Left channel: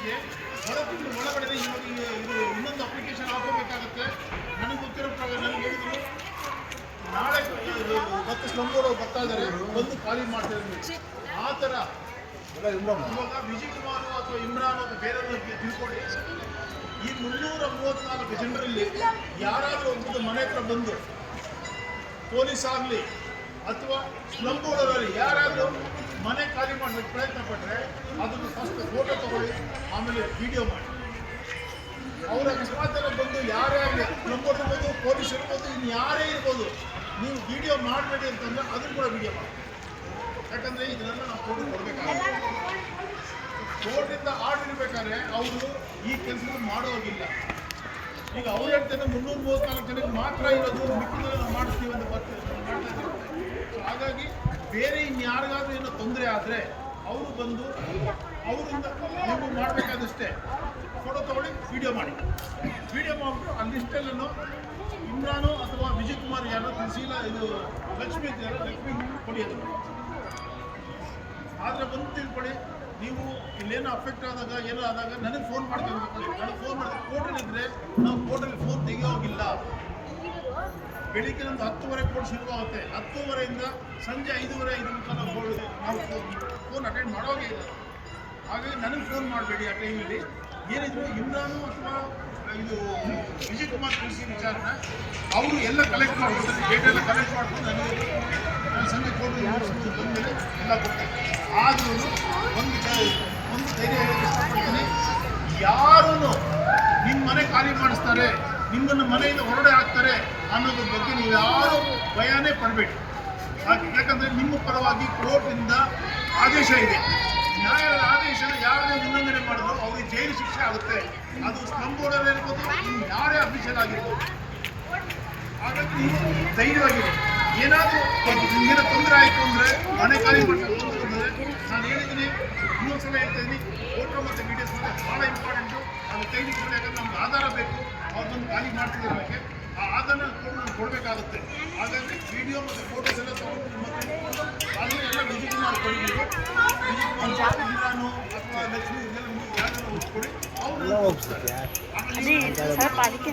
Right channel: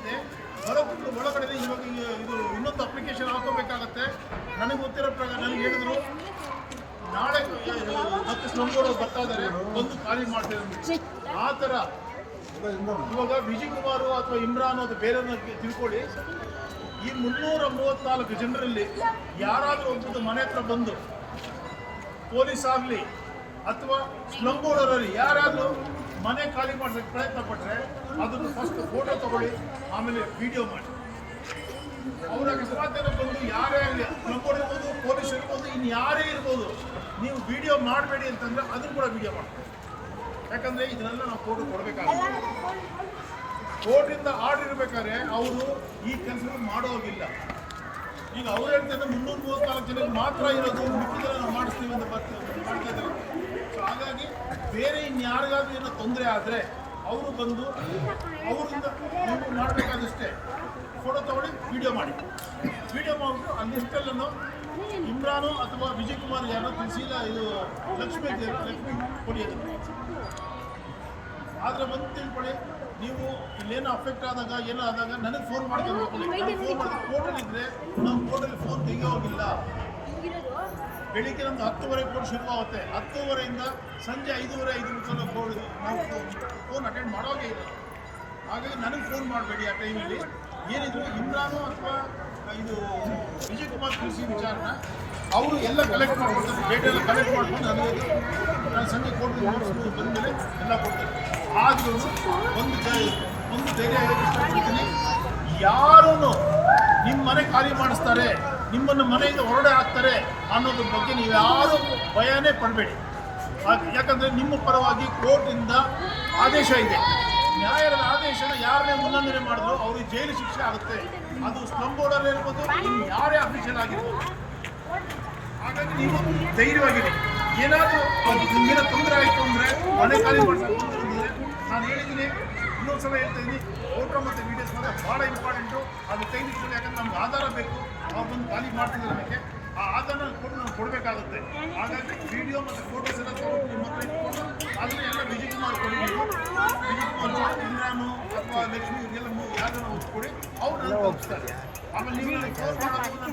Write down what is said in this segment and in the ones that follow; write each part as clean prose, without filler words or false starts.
ಜೊತೆಗೆ ತಿಂಗಳು ಒಳಗಡೆ ಇವಾಗ ಇದು ಇನ್ನೊಂದು ಅಪ್ಲಿಕೇಶನ್ ಹಾಕೋಬೇಕಾಗತ್ತೆ. ನನಗೆ ಗೊತ್ತಿರೋ ಪ್ರಕಾರ ನನಗೆ ಹೇಳಿದ್ರು ನಾಳೆ ಮತ್ತೆ ಸ್ಲಂಬೋರ್ಡ್ ಬರ್ತಾ ಇದ್ದಾರೆ, ಬಂದು ಖಾಲಿ ಮಾಡ್ತಿದ್ದಾರೆ. ಆ ಥರ ಇವಾಗ ವಿಜಯ್ ಕುಮಾರ್ ಅಥವಾ ಇಮ್ರಾನ್ ಅಥವಾ ಬೇರೆ ತಿಳ್ಕೊಳ್ಳಿ, ಈ 334 ಜನರಲ್ಲಿ ಯಾರಾದರೂ ಒಬ್ಬರು ಮನೆ ಹತ್ರ ಬಂದು ಪೊಲೀಸ್ ಆಗಲಿ ಅಥವಾ ಸ್ಲಂಬೋರ್ಡರಲ್ಲಿ ಯಾರಾದರೂ ಮನೆ ಖಾಲಿ ಮಾಡೋದಕ್ಕೆ ಪ್ರಯತ್ನ ಪಟ್ಟರೆ ಅದನ್ನು ಫಸ್ಟ್ ಫೋಟೋ ತಗೊಳ್ಳಿ, ಆಮೇಲೆ ವಿಡಿಯೋ ಮಾಡಿ. ಅವರ ಅಕಸ್ಮಾತ್ ಬಂದು ಯಾರೇ ಆಗಲಿ, ಸ್ಲಂಬೋರ್ಡ್ ಇರ್ಬೋದು, ಪೊಲೀಸ್ ಇರ್ಬೋದು, ಇನ್ನು ಯಾರೇ ಇರ್ಬೋದು, ನೀವು ವಿಡಿಯೋ ಮಾಡಬೇಡಿ ಅಂತಂದರೆ ಅದನ್ನು ಕೂಡ ವಿಡಿಯೋ ಮಾಡ್ತೀವಿ. ಯಾಕಂದರೆ ಇದನ್ನೆಲ್ಲ ನಾವು ಫೋಟೋ ಕೊಡಬೇಕಾಗುತ್ತೆ. ಕೋರ್ಟಿಂದ ಆರ್ಡರ್ ಇರಬೇಕಾದ್ರೆ ಅವರು ಈ ಕೆಲಸಗಳು ಮಾಡೋಗಿಲ್ಲ. ಈಗ ಅವ್ರು ಹೇಳ್ತಾರೆ 334 ಜನಕ್ಕೆ ಮಾತ್ರ ಇರೋದು, ಮಿಕ್ಕಿದೆಲ್ಲ ನಾವು ಮಾಡಿಸ್ತೀವಿ ಅಂತ ಮಾಡ್ತಾ ಇದ್ದಾರಂತೆ. ಸೊ ಹಾಗಾಗಿ ಬೇರೆ ಇನ್ಯಾರಿಗಾದ್ರೂ ಏನೋ ತೊಂದರೆ ಆದರೆ ಅವರು ಬಂದು ಅವರಿಂದ ನೀವು ಮಾಡಬೇಕಾದಷ್ಟೇ ಫೋಟೋ ತೊಗೊಳ್ಳಿ, ವಿಡಿಯೋ ಮಾಡಿ. ವಿಡಿಯೋ ಮಾಡಿಬಿಟ್ಟು ಆ ಲಿಸ್ಟಲ್ಲೂ ಇಮ್ರಾನು ಅಥವಾ ವಿಜಯ್ ಕುಮಾರ್ ಯಾರೋ ತಿಳಿಸಿಲ್ಲ, ಇದು ಲಕ್ಷ್ಮಿ ಇದೆಯಲ್ಲ, ಲಕ್ಷ್ಮಿ ಕೊಡಿ ಅದನ್ನು. ಆದರೆ ಒಂದು ತಿಳ್ಕೊಳ್ಳಿ, ನೀವು ಇಲ್ಲೇನೋ ಅಫೆಕ್ಟ್ ಆದಾಗ ಏನೋ ಆದಾಗ ನನಗೆ ಫೋನ್ ಮಾಡ್ಕೊಂಡು ತಿಳ್ಕೊಳ್ಳಿ. ನನಗೆ ಫೋನ್ ಮಾಡಿದ್ರೆ ಕೋರ್ಟಲ್ಲಿದ್ದರೆ ನಾವು ಕೋರ್ಟಲ್ಲಿ ಫೋನ್ ತೆಗಿಯೋಗಿಲ್ಲ. ಬೆಳಿಗ್ಗೆ ನಮ್ಮದು 10:30 ಕೋರ್ಟ್ ಶುರುವಾಗುತ್ತೆ. 10:30ಯಿಂದ ಸಂಜೆ 5:30 ಕೋರ್ಟ್ ನಾವು ಫೋನ್ ಅಟೆಂಡ್ ಮಾಡೋಗೇ ಇಲ್ಲ. ಹಾಗಾಗಿ ನನಗೆ ಫೋನ್ ಮಾಡಬೇಡಿ ಆ ಟೈಮಲ್ಲಿ. ಏನಿದ್ರು ಇಮ್ರಾನು ಅಥವಾ ಇದು ವಿಜಯ್ ಕುಮಾರ್ ತಿಳಿಸಿ ವಿಚಾರನ ಅವರು ಎಲ್ಲ ಕಲೆಕ್ಟ್ ಮಾಡ್ಕೊಳ್ತಾರೆ, ಡೇಟೆಲ್ಲ ಕಲೆಕ್ಟ್ ಮಾಡ್ಕೊಂಡು ನನಗೆ ನಾನು ಸಂಜೆ ಕೋರ್ಟ್ ನೋಟಿಸ್ಬೋದು ಬಂದಮೇಲೆ ಎಲ್ಲ ಕೊಡ್ತೀನಿ. ಆದ್ರೂ ಒಂದು ಧೈರ್ಯ ಹೇಳೋಕ್ಕೆ ಇಷ್ಟಪಡ್ತೀನಿ, ಯಾರೂ ನಿಮ್ಮ ಮನೆ ಖಾಲಿ ಮಾಡಿಸ್ತಾರೆ, ನಿಮ್ಮನ್ನು ಮನೆಯಿಂದ ಹೊರಡೆ ಹಾಕ್ತಾರೆ ಅನ್ನೋದ್ರ ಬಗ್ಗೆ ನೀವು ಯಾರೂ ಭಯನೇ ಪಡಬೇಡಿ. ಯಾಕಂದರೆ ನಿಮ್ಮ ಪರವಾಗಿ ಕೋರ್ಟಿಂದ ಆದೇಶ ಇದೆ. ನ್ಯಾಯಾಲಯದ ಆದೇಶನ ಯಾರನ್ನೇ ಉಲ್ಲಂಘನೆ ಮಾಡಿದ್ರು ಅವ್ರಿಗೆ ಜೈಲು ಶಿಕ್ಷೆ ಆಗುತ್ತೆ. ಅದು ಸ್ಲಂಬೋರ್ಡರ್ ಇರ್ಬೋದು, ಇನ್ನು ಯಾರೇ ಅಫಿಷಿಯಲ್ ಆಗಿರ್ಬೋದು. ಹಾಗಾಗಿ ನೀವು ಧೈರ್ಯವಾಗಿರಿ. ಏನಾದರೂ ನಿಮಗೇನೋ ತೊಂದರೆ ಆಯಿತು ಅಂದರೆ, ಮನೆ ಖಾಲಿ ಮಾಡ್ಸೋಕೆ ತೊಂದರೆ ಅಂದರೆ, ನಾನು ಹೇಳಿದ್ದೀನಿ, ಇನ್ನೊಂದು ಸಲ ಹೇಳ್ತೀನಿ, ಫೋಟೋ ಮತ್ತು ವೀಡಿಯೋಸ್ ಮಾತ್ರ ಭಾಳ ಇಂಪಾರ್ಟೆಂಟು. ಅದು ತೆಗೆದಿಟ್ಕೊಂಡು, ಯಾಕಂದ್ರೆ ನಮ್ಗೆ ಆಧಾರ ಬೇಕು. ಅವ್ರು ಬಂದು ಖಾಲಿ ಮಾಡ್ತಿದ್ದಾರೆ ನಮಗೆ, ಆ ಆಧಾರ ಕೊಟ್ಟು ನಾವು ಕೊಡಬೇಕಾಗುತ್ತೆ. ಹಾಗಾಗಿ ವಿಡಿಯೋ ಮತ್ತು ಫೋಟೋಸ್ ಎಲ್ಲ ತೊಗೊಂಡು ನಿಮ್ಮ ಹತ್ರ ಇಟ್ಕೊಂಡು ಅದನ್ನು ಎಲ್ಲ ವಿಜಯ್ ಕುಮಾರ್ ಕೊಡಬೇಕು. ವಿಜಯ್ ಕುಮಾರ್, ಇಮ್ರಾನು ಅಥವಾ ಲಕ್ಷ್ಮಿ ಇದೆಲ್ಲ ಯಾರನ್ನ ಕೊಡಿ, ಅವ್ರು ನನಗೆ ತೋರಿಸ್ತಾರೆ. ಆಮೇಲೆ ನೀವು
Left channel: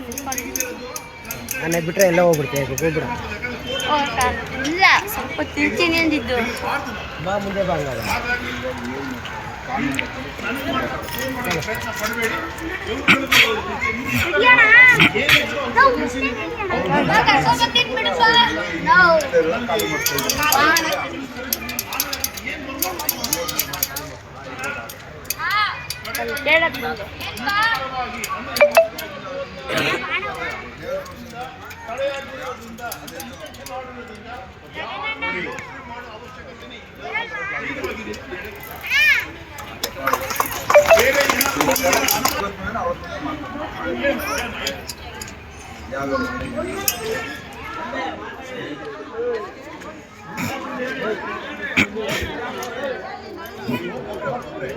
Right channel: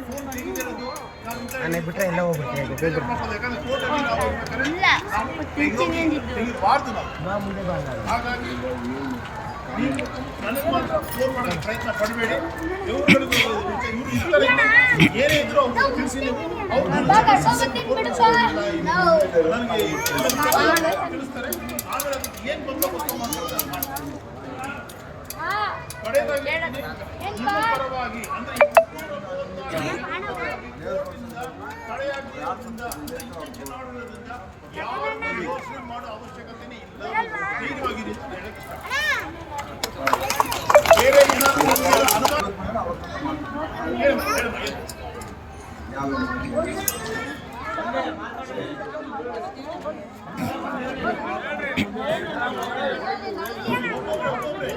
ಫೋನ್ ತೆಗಿದಿರೋದು ನಾನು ಬಿಟ್ಟರೆ ಎಲ್ಲ ಹೋಗ್ಬಿಡ್ತೇನೆ. ಹಾಗಾಗಿ ನನಗೆ ಮಾತ್ರ ಫೋನ್ ಮಾಡೋಕ್ಕೆ ಪ್ರಯತ್ನ ಪಡಬೇಡಿ. ಏನಿದ್ರು ತಿಳಿಸಿ, ತಿಳಿಸ್ತಾರೆ. ಆಮೇಲೆ ಏನು ಬಂದು ಪರವಾಗಿ ಅಂದರೆ ತಡೆಯಾಗಿರೋದ್ರಿಂದ, ಚುನಾವಣೆಯಿಂದ ಯಾವ ಯೋಚನೆ ಮಾಡೋ ಅವಶ್ಯಕತೆನೇ ಇಲ್ಲ. ಧೈರ್ಯವಾಗಿರಿ. ಬೇರೆ ಒಬ್ಬೊಬ್ಬರೇ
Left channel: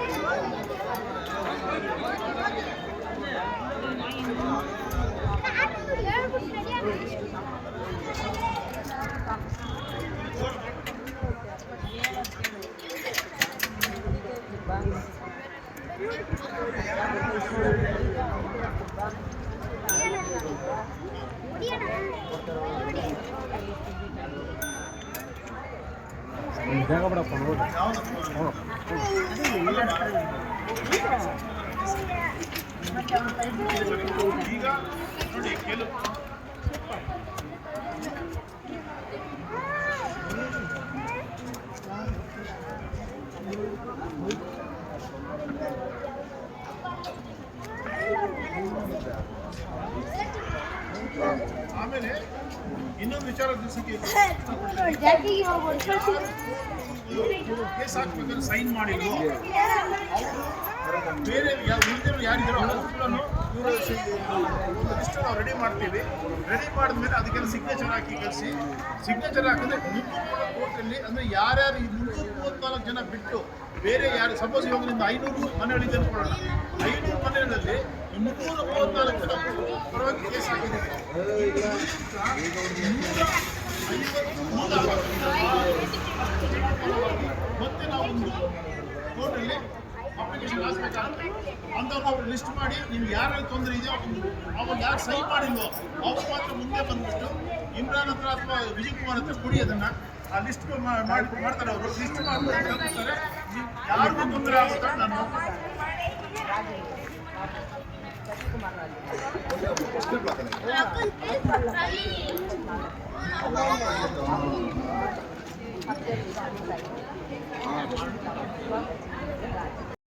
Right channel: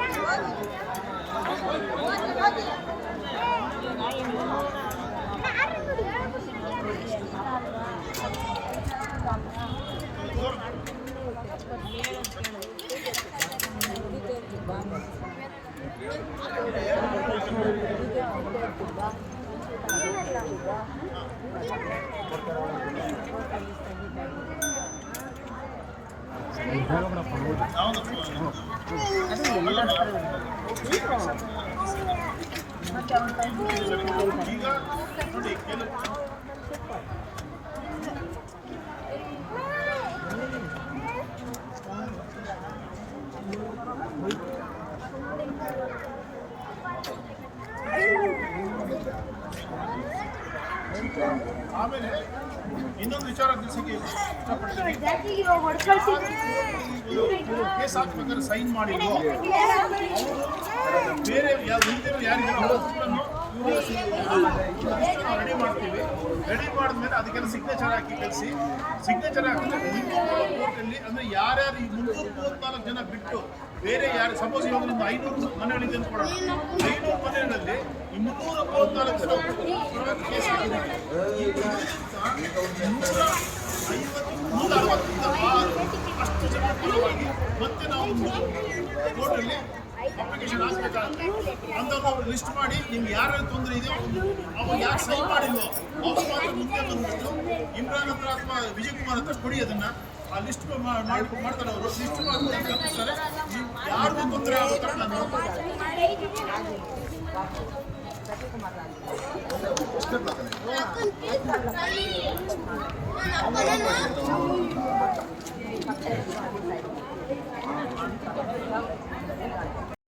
ಈಗ ನೋಡಿ ಕೆಲವು ಆಮೇಲೆ ಇನ್ನೊಂದು ವಿಚಾರ ತಿಳಿಸಿಕೆ ಇಷ್ಟಪಡ್ತೀನಿ. ಕೇಸ್ ಹಾಕ್ಬೇಕಾದ್ರೆ ಸೈನ್ ಮಾಡಿಲ್ವೋ ಅವರು ಬೇರೆ ಉಳಿದಿರೋ ಯಾರಿದ್ದಾರೋ ಅವ್ರನ್ನು ಇವರು ರೆಡಿ ಮಾಡ್ತೀವಿ. ರೆಡಿ ಮಾಡಿದ್ಮೇಲೆ ಅದಕ್ಕೆಲ್ಲ ಸಿಗ್ನೇಚರ್ ಹಾಕಿ ಕಳಿಸಿ. ಸಿಗ್ನೇಚರ್ ಹಾಕಿದ್ರೆ ನಿಮ್ಮ ಕೂಡ ಕೋರ್ಟಲ್ಲಿ ಅಂದರೆ ಯಾರ್ಯಾರು ಈ 334 ಜನ ಬಿಟ್ಟು ಬೇರೆ ಯಾರು, ಸಪೋಸ್ ಇವಾಗ ನಿಮ್ದು 500 ಮನೆಗಳಿದೆ ಅಂದ್ಕೊಳ್ಳೋಣ, 500 ಮನೆಗಳಲ್ಲಿ ಈ 334 ಜನ ಪರವಾಗಿ ಕೇಸ್ ಹಾಕಿದ್ದೀವಿ. 150-160 ಅಷ್ಟು ಜನ ಪರವಾಗಿ ಮತ್ತೆ ನಾವು ಒಂದು ಕೋರ್ಟಲ್ಲಿ ಅಪ್ಲಿಕೇಶನ್ ಹಾಕ್ಬೇಕಾಗುತ್ತೆ. ಅಂಥವ್ರನ್ನ ಅವ್ರು ಲಿಸ್ಟ್ ಮಾಡಿ ನಿಮ್ಗೆ ಯಾರ್ಯಾರು ತೊಂದರೆ ಇದೆಯೋ ಅವ್ರು ಯಾರು ಸೈನ್ ಮಾಡಿಲ್ವೋ ಅವ್ರು ಮಾತ್ರ ಮುಂದೆ ಬಂದುಬಿಟ್ಟು ಇಮ್ರಾನ್ ಹತ್ರ ಅಥವಾ ವಿಜಯ್ ಕುಮಾರ್ ಹತ್ರ ಕೊಡಿ ಅದನ್ನು. ಆ ಲಿಸ್ಟ್ ಮಾಡ್ತಾರೆ ಅವರು, ಲಿಸ್ಟ್ ಮಾಡ್ಕೊಂಡು ತಲುಪಿಸ್ತಾರೆ. ಯಾರಿಗೂ ತೊಂದರೆ ಆಗುತ್ತಾರೆ ನಾನು Thank you.